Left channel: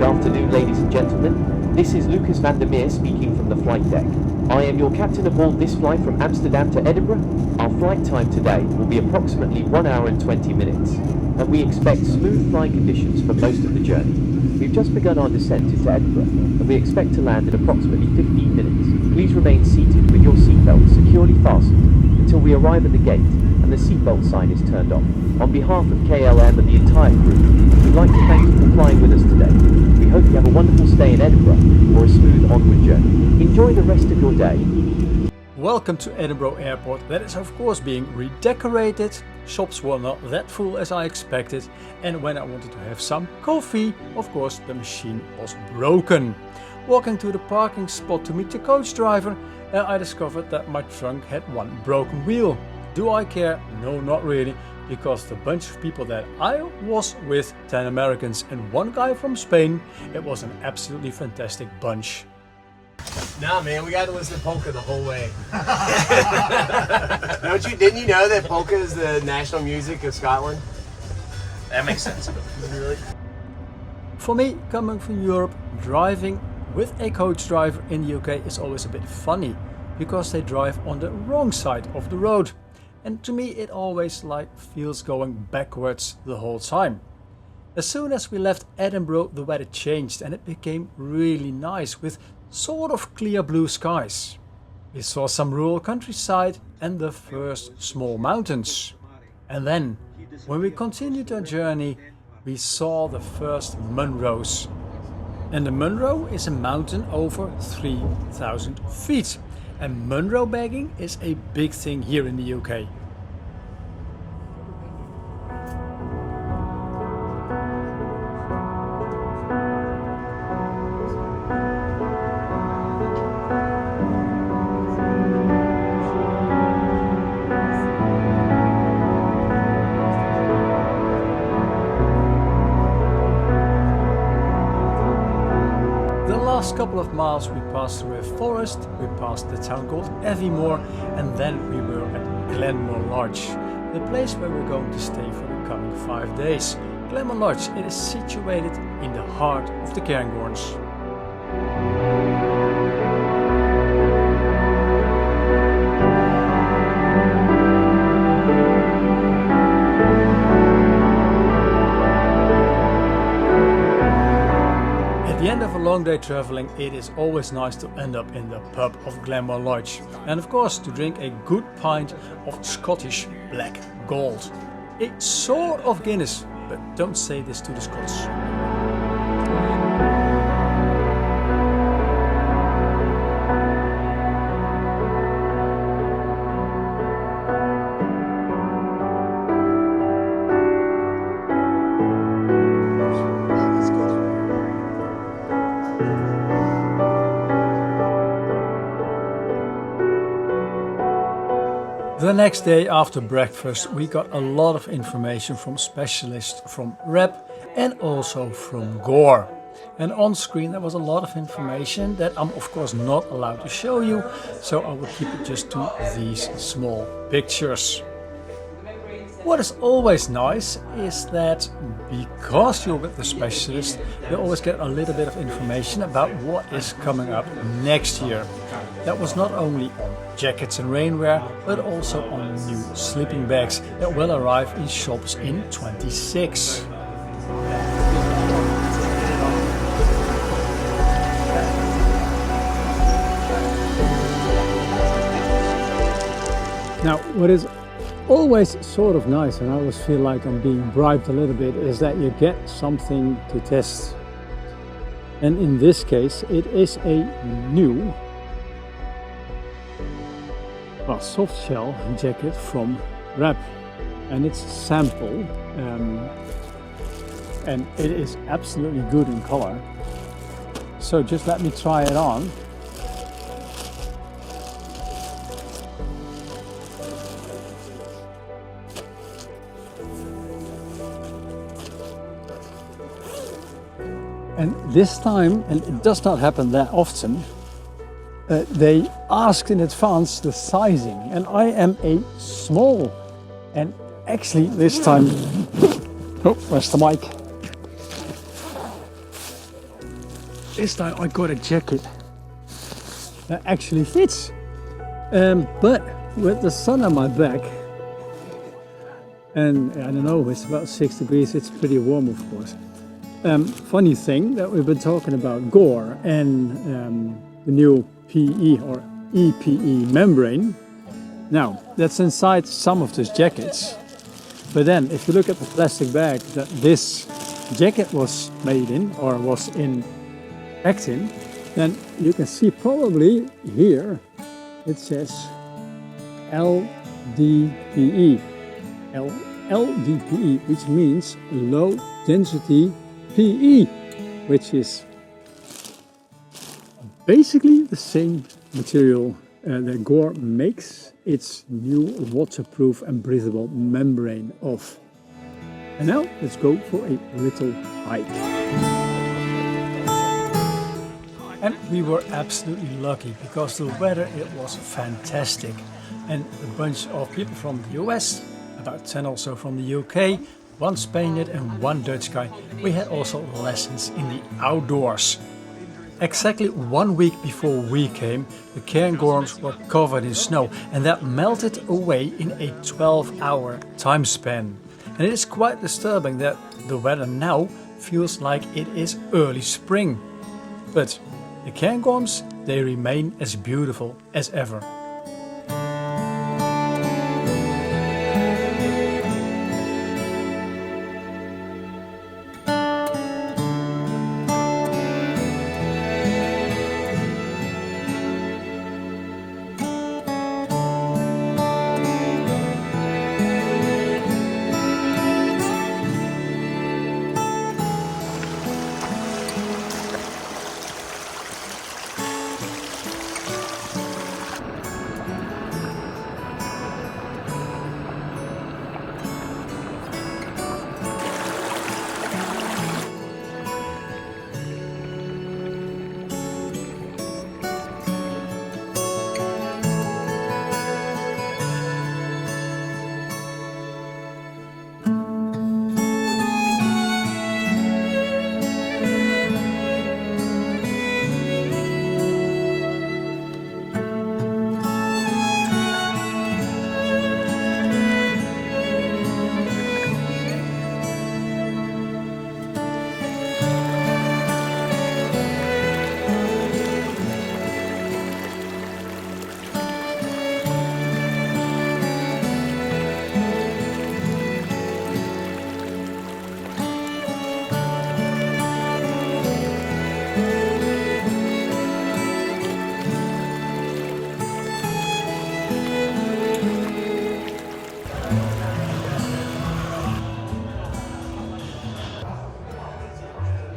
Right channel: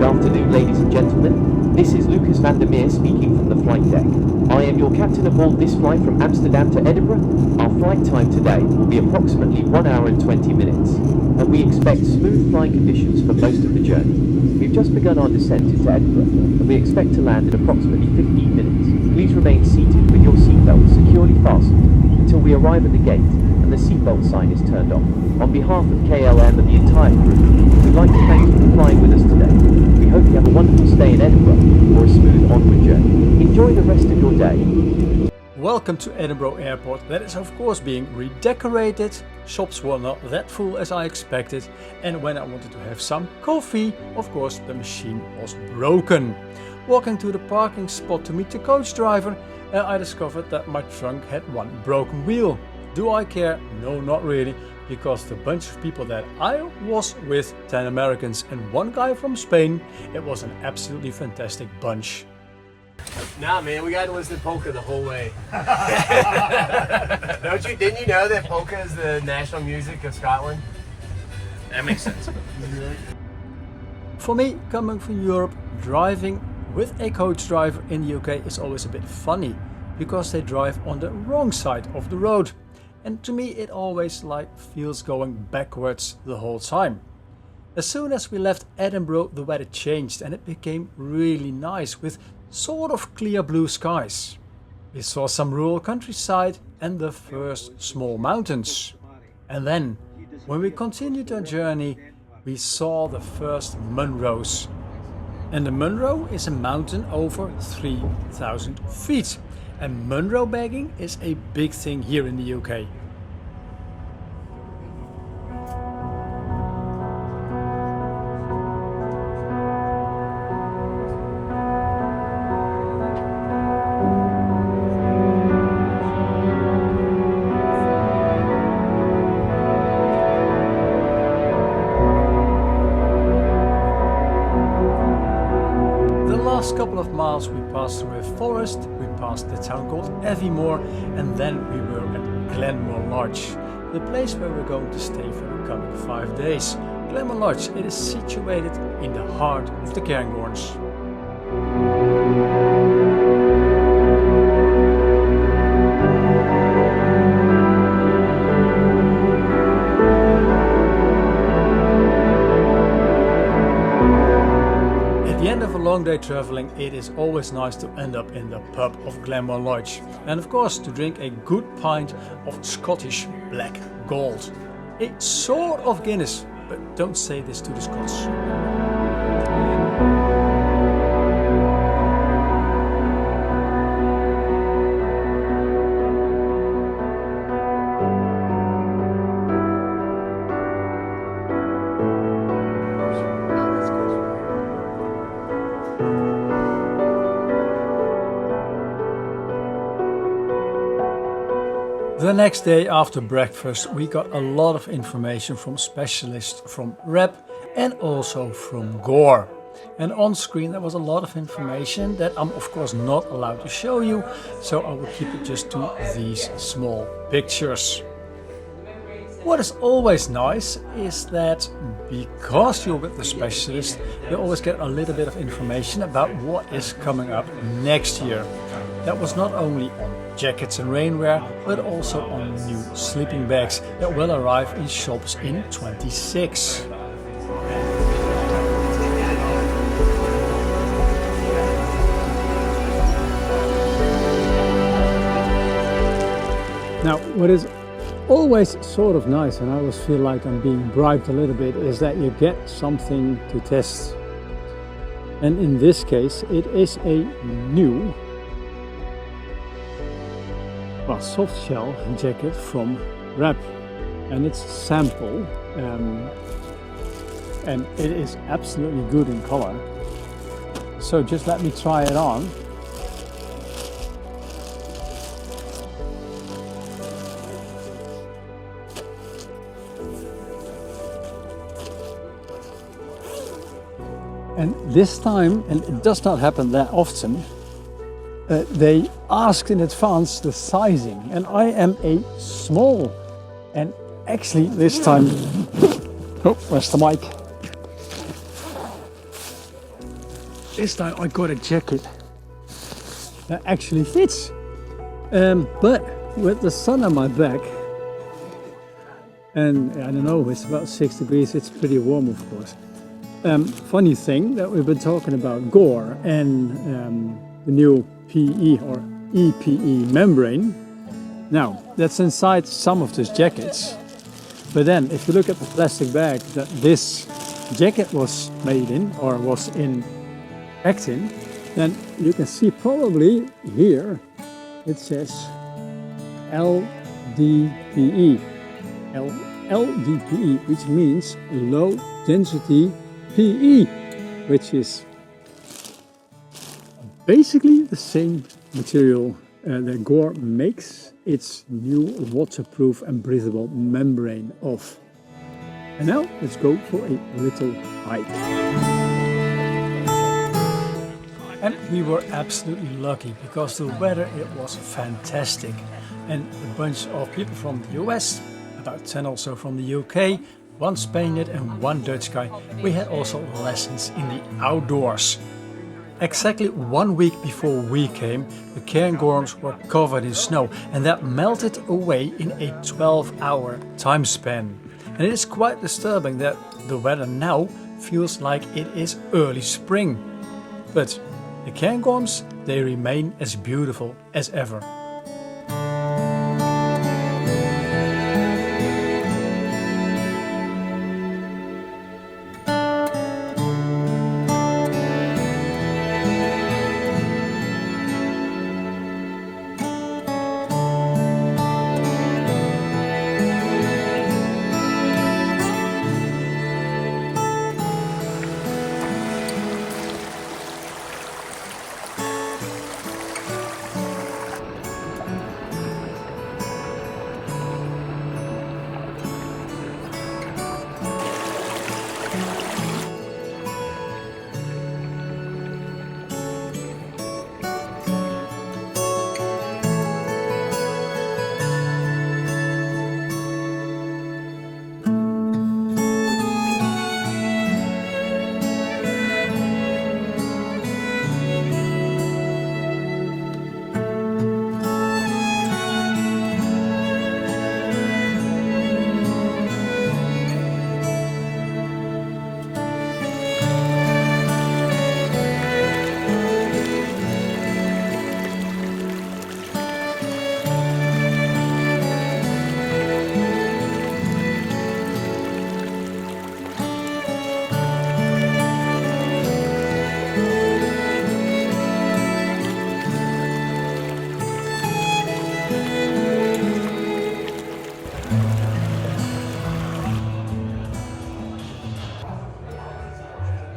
Good afternoon, ladies and gentlemen. This is Lucas van der Meer speaking from the flight deck. I am your captain aboard this flight from Amsterdam to Edinburgh. Our flight time today will be approximately 1 hour and 20 minutes, and we expect smooth flying conditions for most of the journey. We've just begun our descent into Edinburgh, and we expect to land in approximately 15 minutes. Please remain seated with your seatbelt securely fastened until we arrive at the gate and the seatbelt sign is turned off. On behalf of KLM and the entire crew, we'd like to thank you for flying with us today. We hope you have a wonderful stay in Edinburgh or a smooth onward journey. Enjoy the rest of your day. Welcome to Edinburgh Airport. That is of course being redecorated. Shops were not that full as I expected, and when I wanted to have some coffee, of course the machine was broken. Walking to the parking spot to meet the coach driver, I discovered that my trunk had one broken wheel. Do I care? No, not really, because the bunch of people that I was with, 10 Americans and one guy from Spain, it was an absolutely fantastic bunch. Nah, man, we got to listen to polka the whole way. Didn't you know that polka is the national music of Scotland? That makes sense. For me, coming from Europe, driving with a coach driver in the UK is always a bit funny, because they drive on the wrong side of the road. And to me it always feels going backwards the whole time. As soon as we left Edinburgh, the weather changed and it became really nice with sort of clear blue skies. We saw some rural countryside and the first small mountains. And then, when we continued our journey, we saw the first Munros. And the Munro is a mountain over 3,000 feet. And Munro bagging is a big thing here in the UK. The last couple of miles we passed through a forest, we passed the town called Éowyn, and then we were at Glenmore Lodge, the place where we're going to stay for the coming 5 days. Glenmore Lodge, it is situated in the heart of the Cairngorms. At the end of a long day traveling, it is always nice to end up in the pub of Glenmore Lodge, and of course to drink a good pint of Scottish Black Gold. A sort of Guinness, but don't say this to the Scots. The next day after breakfast we got a lot of information from specialists from Rab and also from Gore. And on screen there was a lot of information that I'm of course not allowed to show you, so I will keep it just to these small pictures. What is always nice is that because you're with the specialist, you always get a little bit of information about what is coming up next year. That was not only on jackets and rainwear, but also on new sleeping bags that will arrive in shops in 26. Now, what is always sort of nice, and I always feel like I'm being bribed a little bit, is that you get something to test. And in this case, it is a new soft shell jacket from Rab, and it's a sample, and it is absolutely good in color. So just let me try it on. And this time, and it does not happen that often, they asked in advance the sizing, and I am a small, and actually this time, oh, where's the mic? this time I got a jacket that actually fits. But with the sun on my back, and I don't know, it's about 6 degrees, it's pretty warm of course. Funny thing that we've been talking about Gore and the new PE or EPE membrane. Now, that's inside some of these jackets. But then, if you look at the plastic bag that this jacket was made in, or was packed in, then you can see probably here it says LDPE. LDPE, which means low density PE, which is basically the same material that Gore makes its new waterproof and breathable membrane of. And now let's go for a little hike. And we were absolutely lucky because the weather, it was fantastic. And a bunch of people from the US, about 10 also from the UK, one Spaniard and one Dutch guy. We had also lessons in the outdoors. Exactly 1 week before we came, the Cairngorms were covered in snow, and that melted away in a 12-hour time span. And it is quite disturbing that the weather now feels like it is early spring. But the Cairngorms, they remain as beautiful as ever.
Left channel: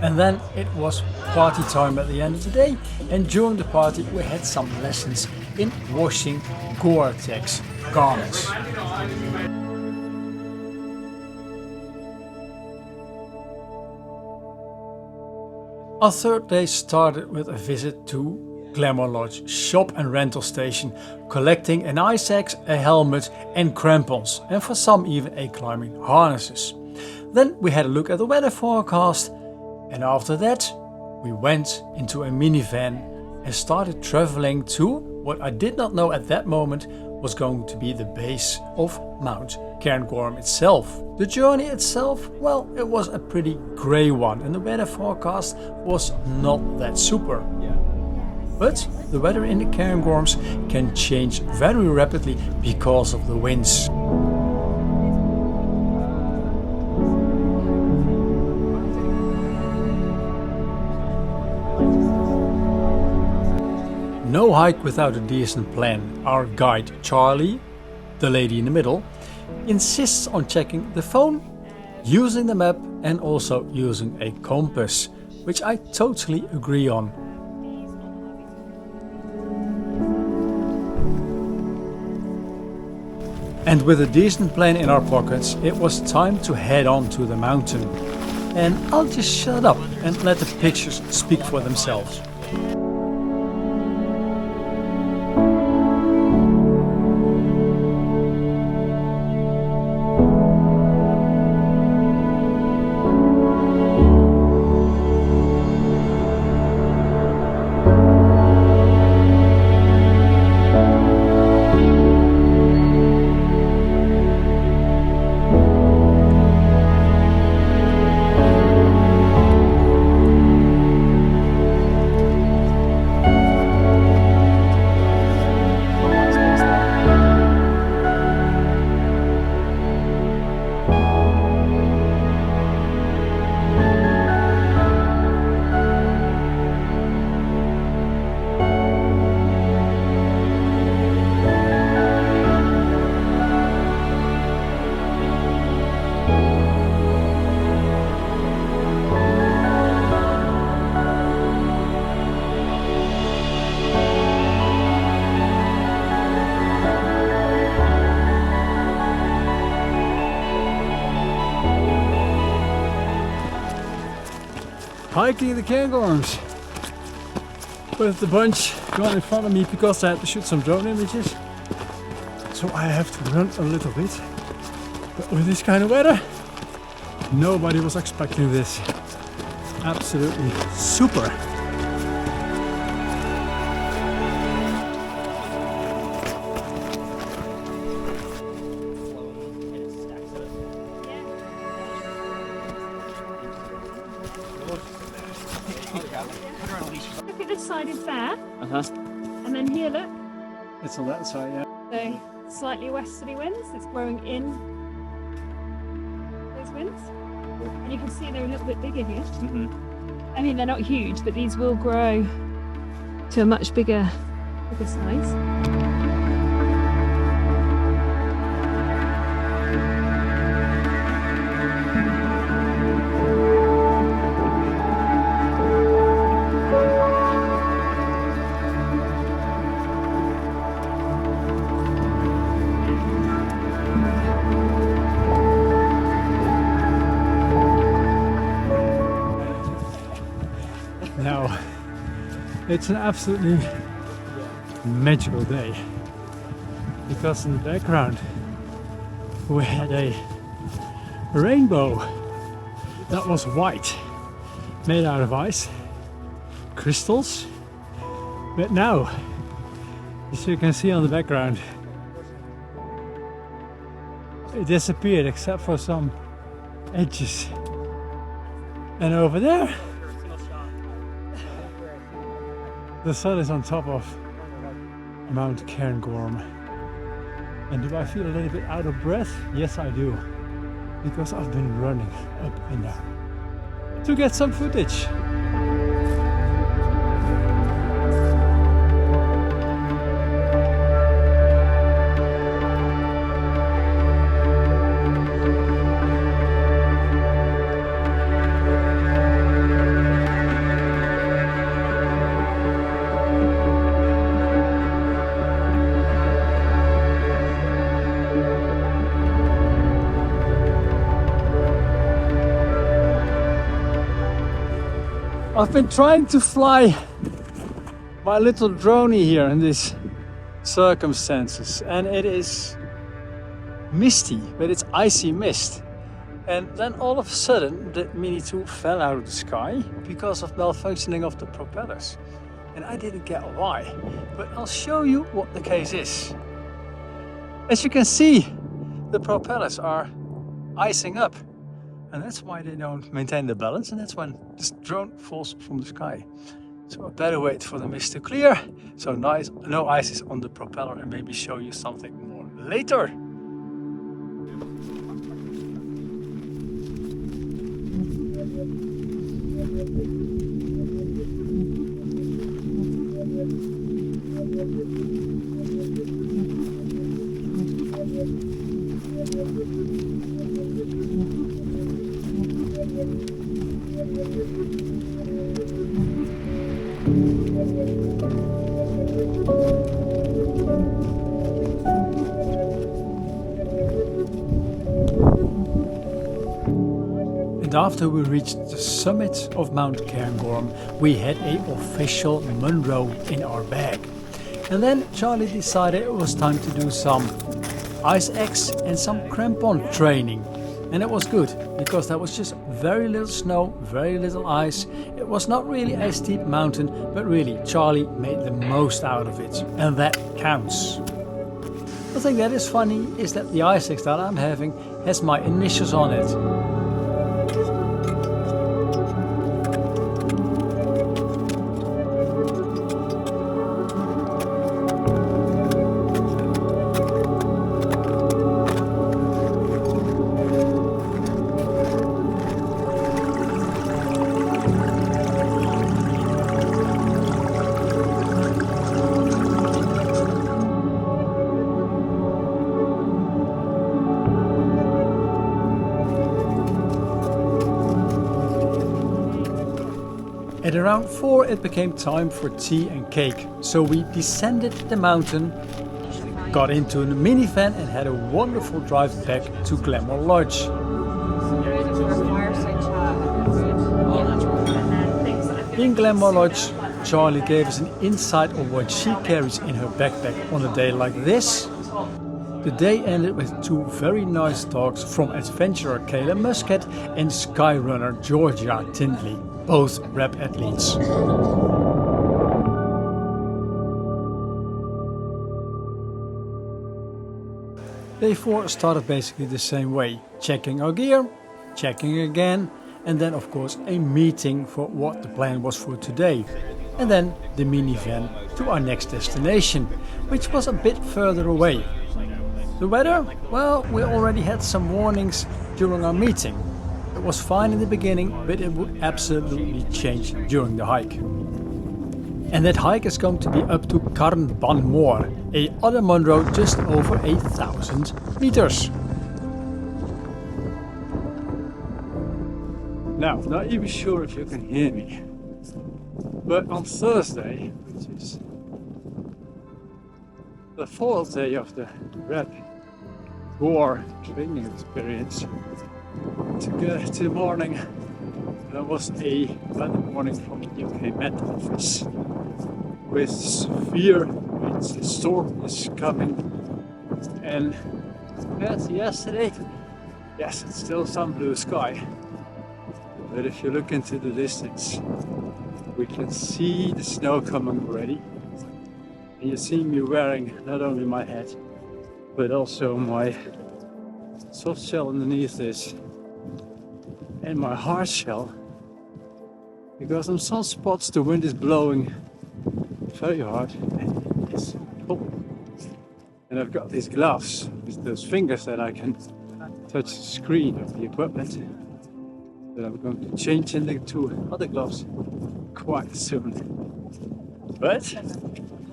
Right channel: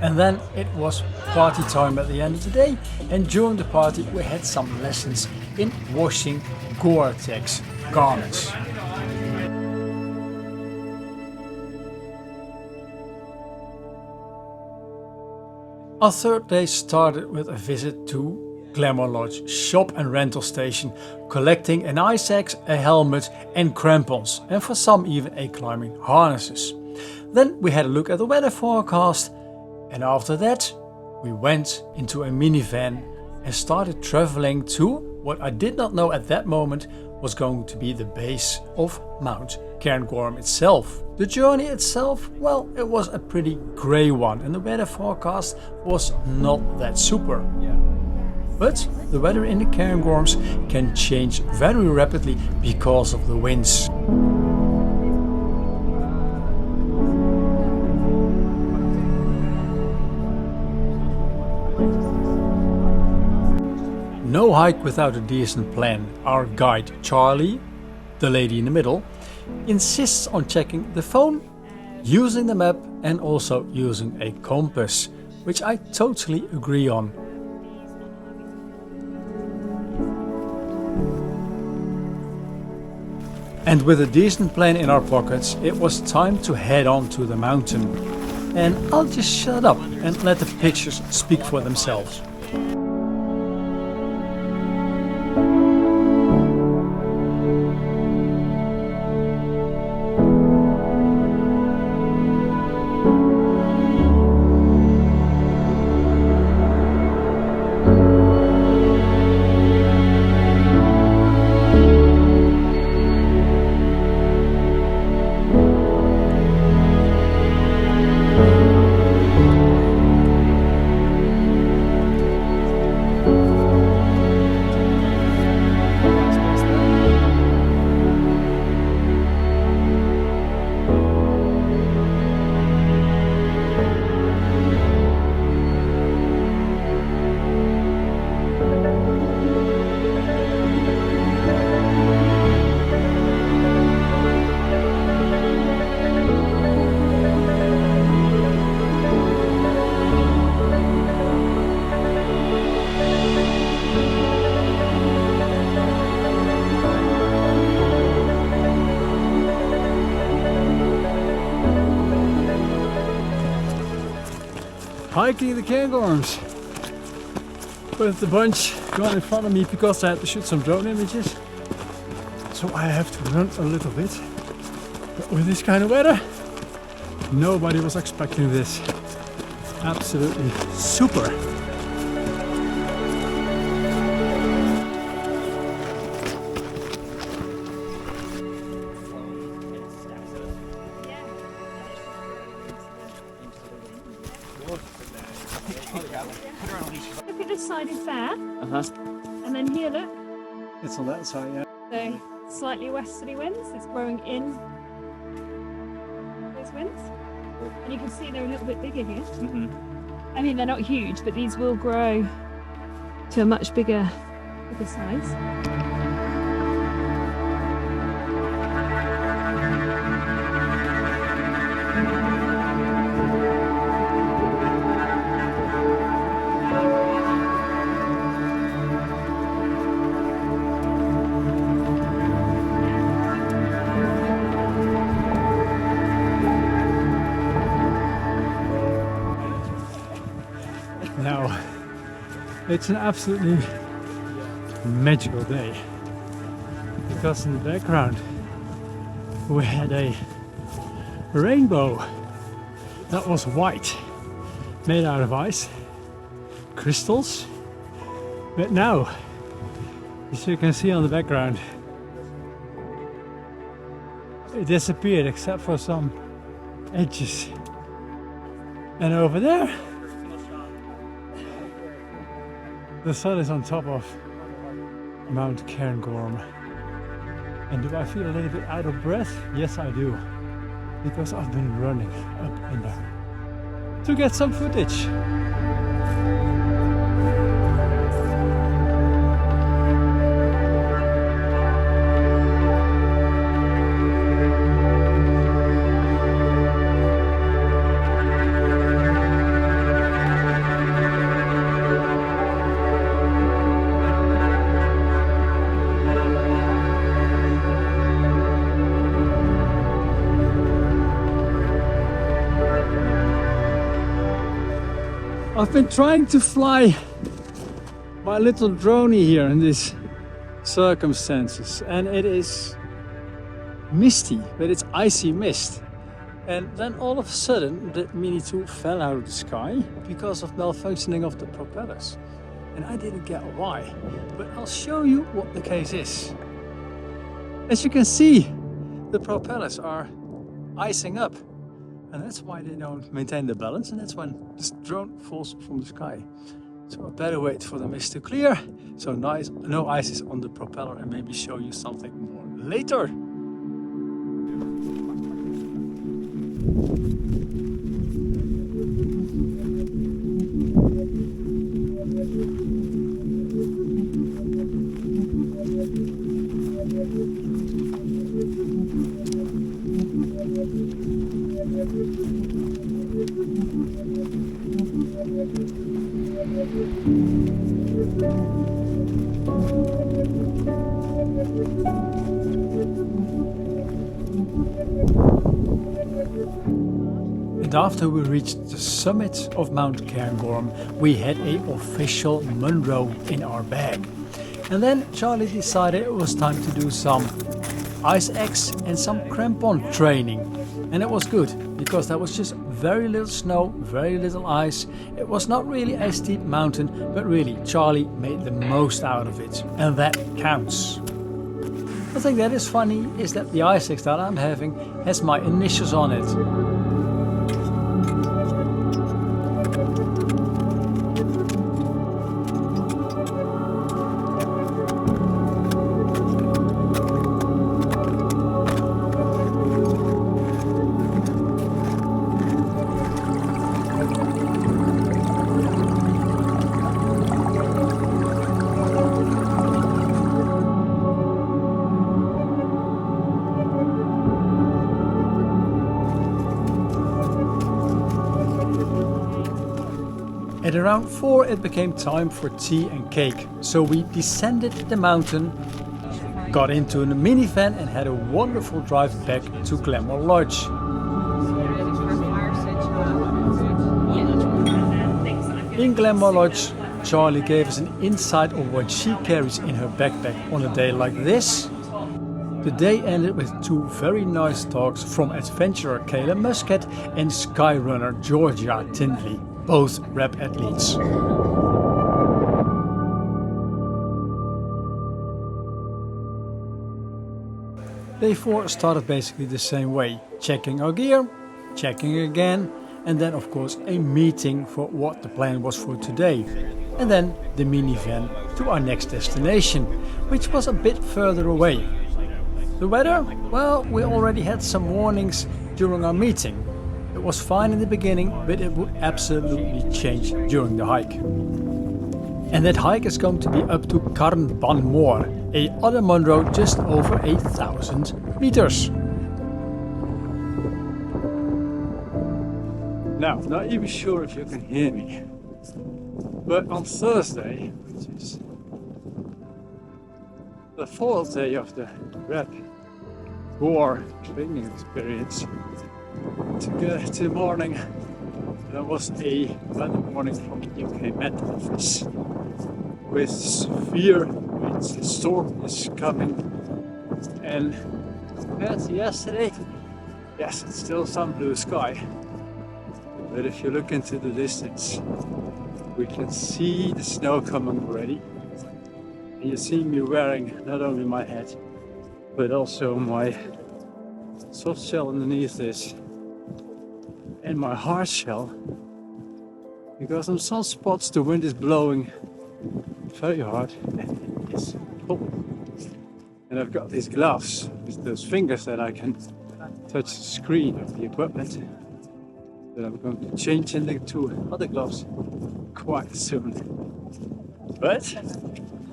And then it was party time at the end of the day, and during the party we had some lessons in washing Gore-Tex garments. Our third day started with a visit to Glamour Lodge shop and rental station, collecting an ice axe, a helmet and crampons, and for some even a climbing harnesses. Then we had a look at the weather forecast, and after that we went into a minivan and started traveling to what I did not know at that moment was going to be the base of Mount Cairngorm itself. The journey itself, well, it was a pretty grey one and the weather forecast was not that super. But the weather in the Cairngorms can change very rapidly because of the winds. No hike without a decent plan. Our guide Charlie, the lady in the middle, insists on checking the phone, using the map and also using a compass, which I totally agree on. And with a decent plan in our pockets, it was time to head on to the mountain. And I'll just shut up and let the pictures speak for themselves. hiking the Cairngorms with the bunch going in front of me because I had to shoot some drone images. So I have to run a little bit. But with this kind of weather, nobody was expecting this. Absolutely super. Look at this side is there. And then here, look. It's on that side, yeah. So slightly westerly winds. It's growing in those winds. And you can see they're a little bit bigger here. I mean, they're not huge, but these will grow to a much bigger size. Now, it's an absolutely magical day because in the background we had a rainbow that was white, made out of ice, crystals, but now, as you can see on the background, it disappeared except for some edges. And over there, the sun is on top of Mount Cairngorm. And do I feel a little bit out of breath? Yes, I do. Because I've been running up and down to get some footage. I've been trying to fly my little droney here in these circumstances, and it is misty, but it's icy mist. And then all of a sudden the Mini 2 fell out of the sky because of malfunctioning of the propellers. And I didn't get why, but I'll show you what the case is. As you can see, the propellers are icing up. And that's why they don't maintain the balance, and that's when this drone falls from the sky. So I better wait for the mist to clear, so no ice is on the propeller, and maybe show you something more later. And after we reached the summit of Mount Cairngorm, we had an official Munro in our bag. And then Charlie decided it was time to do some ice axe and some crampon training. And it was good, because there was just very little snow, very little ice. It was not really a steep mountain, but really Charlie made the most out of it. And that counts. The thing that is funny is that the ice axe that I'm having has my initials on it. At around 4 it became time for tea and cake, so we descended the mountain, got into a minivan and had a wonderful drive back to Glenmore Lodge. In Glenmore Lodge, Charlie gave us an insight of what she carries in her backpack on a day like this. The day ended with two very nice talks from adventurer Kayla Muscat and skyrunner Georgia Tindley, both rap athletes. Day 4 started basically the same way, checking our gear, checking again, and then of course a meeting for what the plan was for today. And then the minivan to our next destination, which was a bit further away. The weather? Well, we already had some warnings during our meeting. It was fine in the beginning, but it would absolutely change during the hike. And that hike is going to be up to Cairngorm, a other Monroe just over 1,000 meters. Now, not even sure if you can hear me, but on Thursday, which is the fourth day of the Rab Gore training experience, to morning there was a weather warning from the UK Met Office with severe winds. The storm is coming, and compared to yesterday, yes, it's still some blue sky. But if you look into the distance, we can see the snow coming already. And you see me wearing not only my hat, but also my soft shell underneath this and my hard shell. Because on some spots the wind is blowing very hard and it is cold. And I've got these gloves with those fingers that I can touch the screen of the equipment. That I'm going to change into other gloves quite soon. But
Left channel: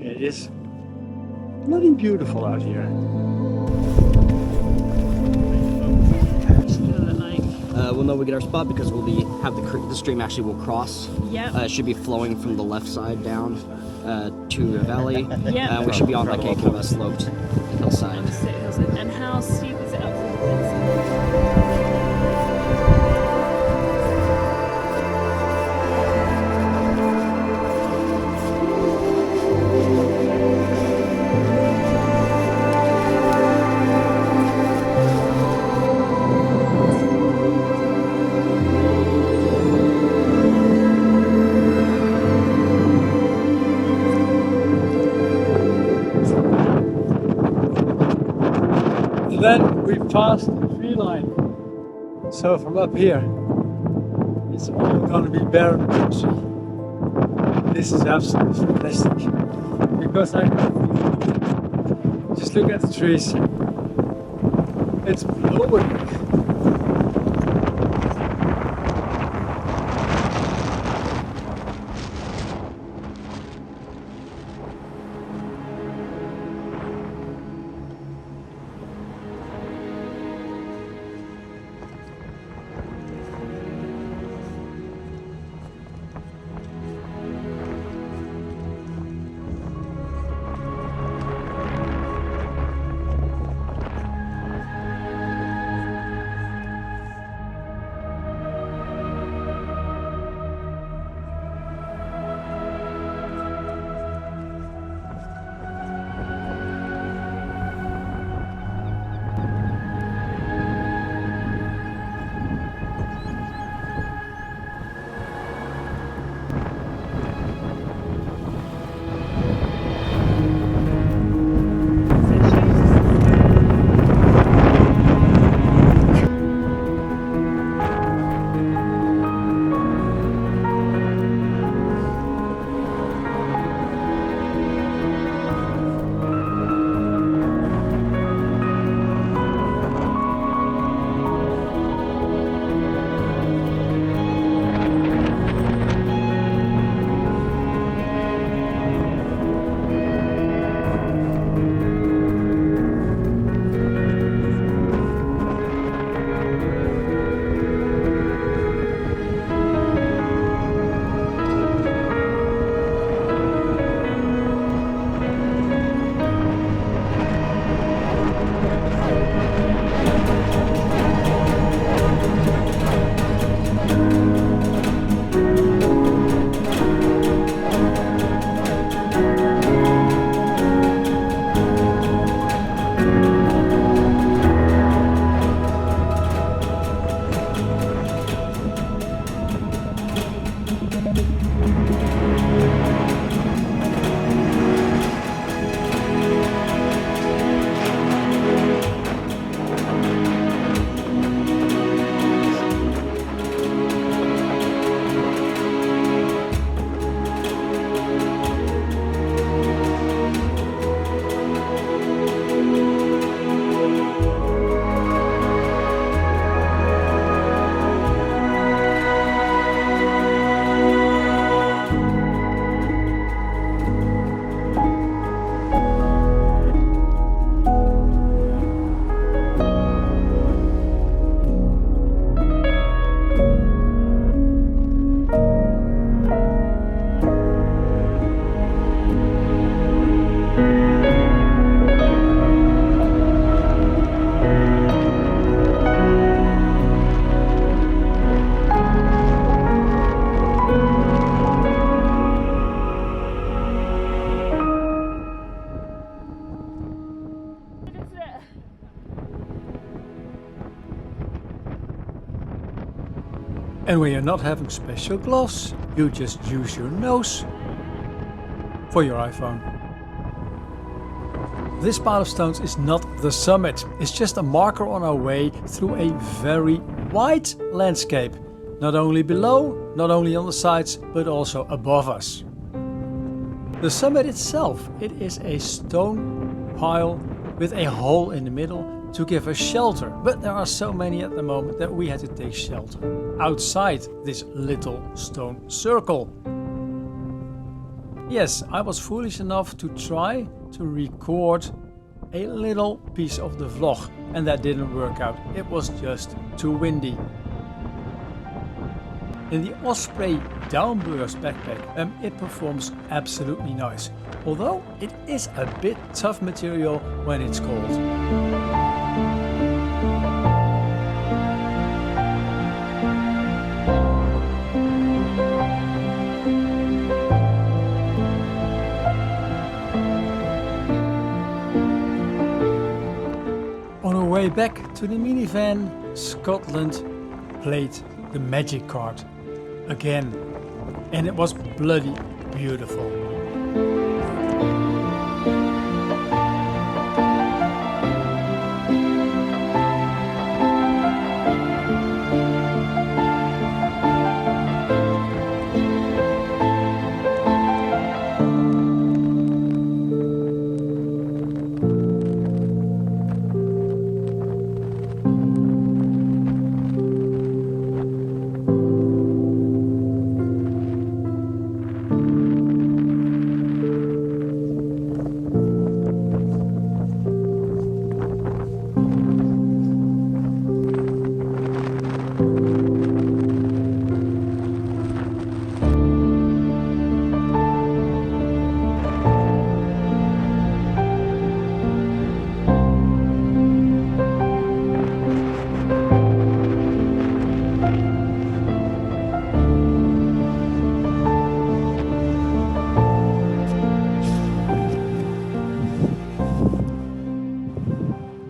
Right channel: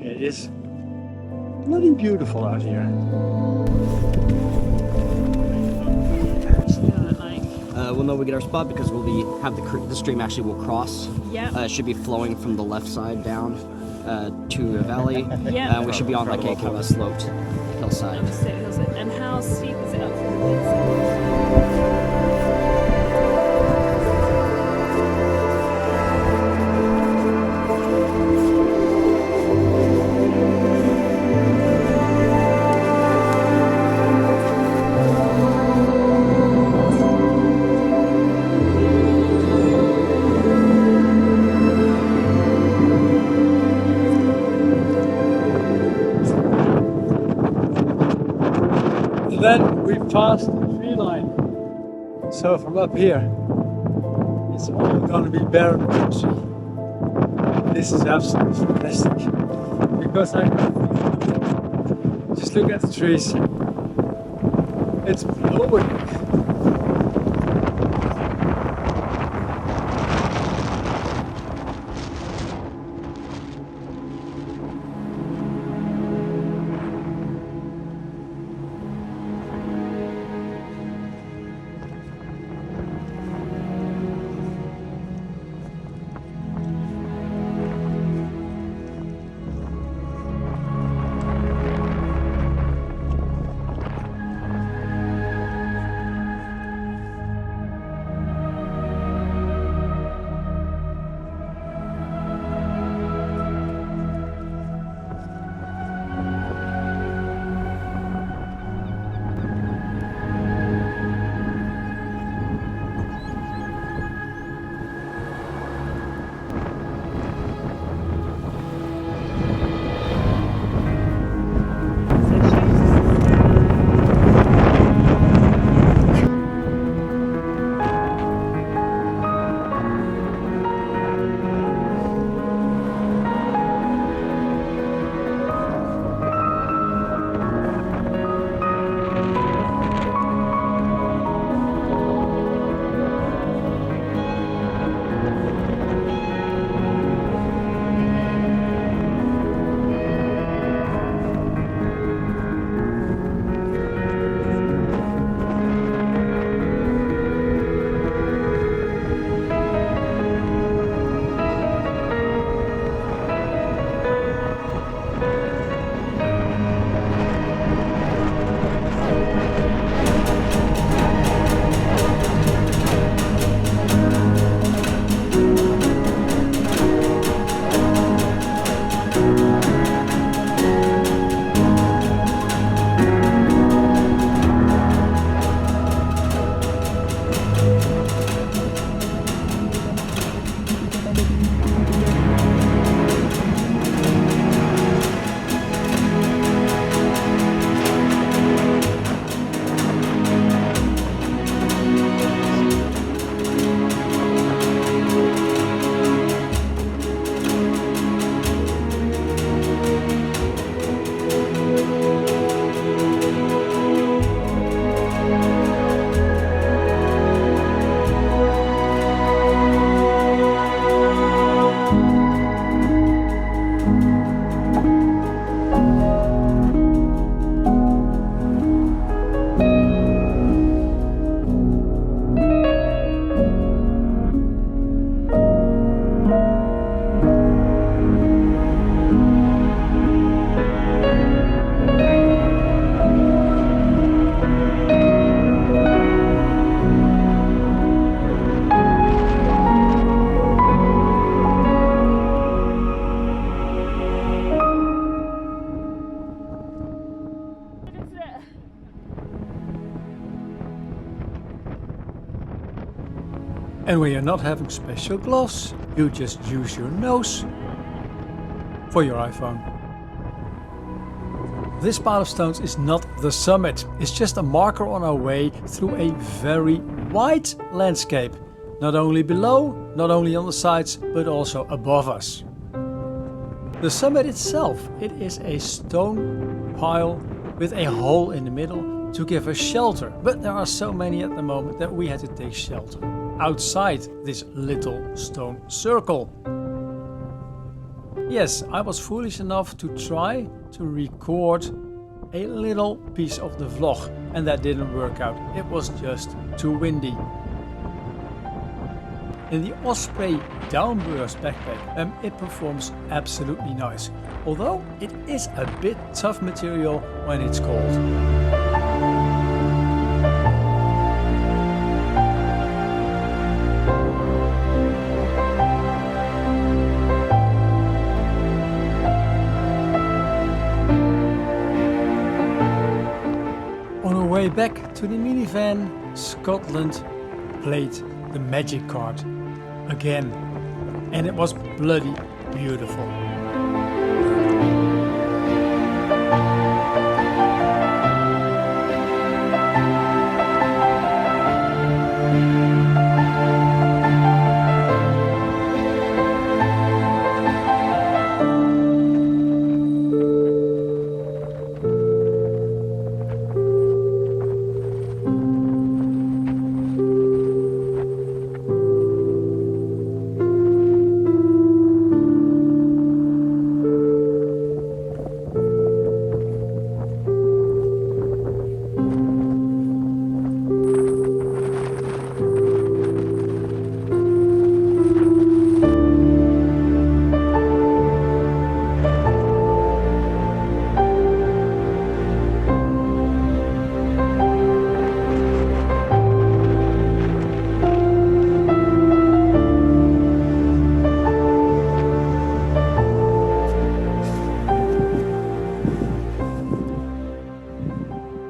it is bloody beautiful out here. We'll know we get our spot because the stream actually will cross. Yeah. It should be flowing from the left side down to a valley. Yeah. We should be on like a kind of a sloped hillside. On the steep hillside. And how steep is it up for the winds? Then we passed the tree line. So from up here, it's all going to be barren country. This is absolutely fantastic. Because I just look at the trees. It's blowing. And when you're not having special gloves, you just use your nose for your iPhone. This pile of stones is not the summit, it's just a marker on our way through a very wide landscape. Not only below, not only on the sides, but also above us. The summit itself, it is a stone pile with a hole in the middle to give us shelter. But there are so many at the moment that we had to take shelter outside this little stone circle. Yes, I was foolish enough to try to record a little piece of the vlog, and that didn't work out. It was just too windy. In the Osprey Downburst backpack, it performs absolutely nice, although it is a bit tough material when it's cold. On our way back to the minivan, Scotland played the magic card again, and it was bloody beautiful.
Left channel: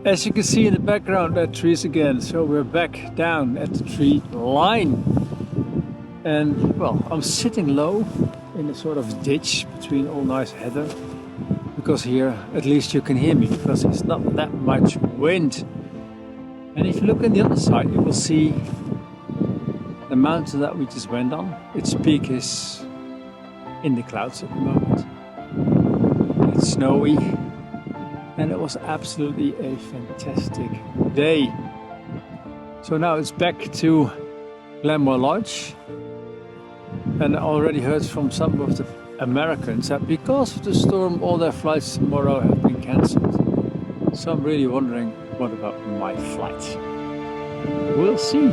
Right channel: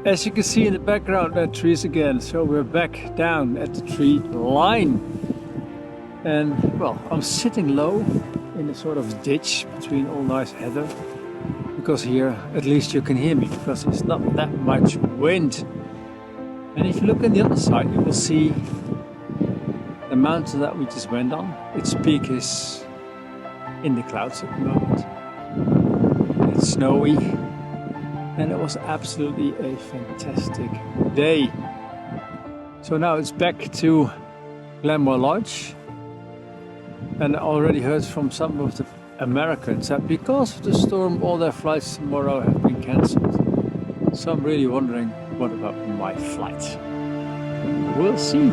As you can see in the background, there are trees again, so we're back down at the tree line. And well, I'm sitting low in a sort of ditch between all nice heather, because here at least you can hear me, because it's not that much wind. And if you look on the other side, you will see the mountain that we just went on. Its peak is in the clouds at the moment. And it's snowy. And it was absolutely a fantastic day. So now it's back to Glenmore Lodge. And I already heard from some of the Americans that because of the storm all their flights tomorrow have been cancelled. So I'm really wondering, what about my flight? We'll see.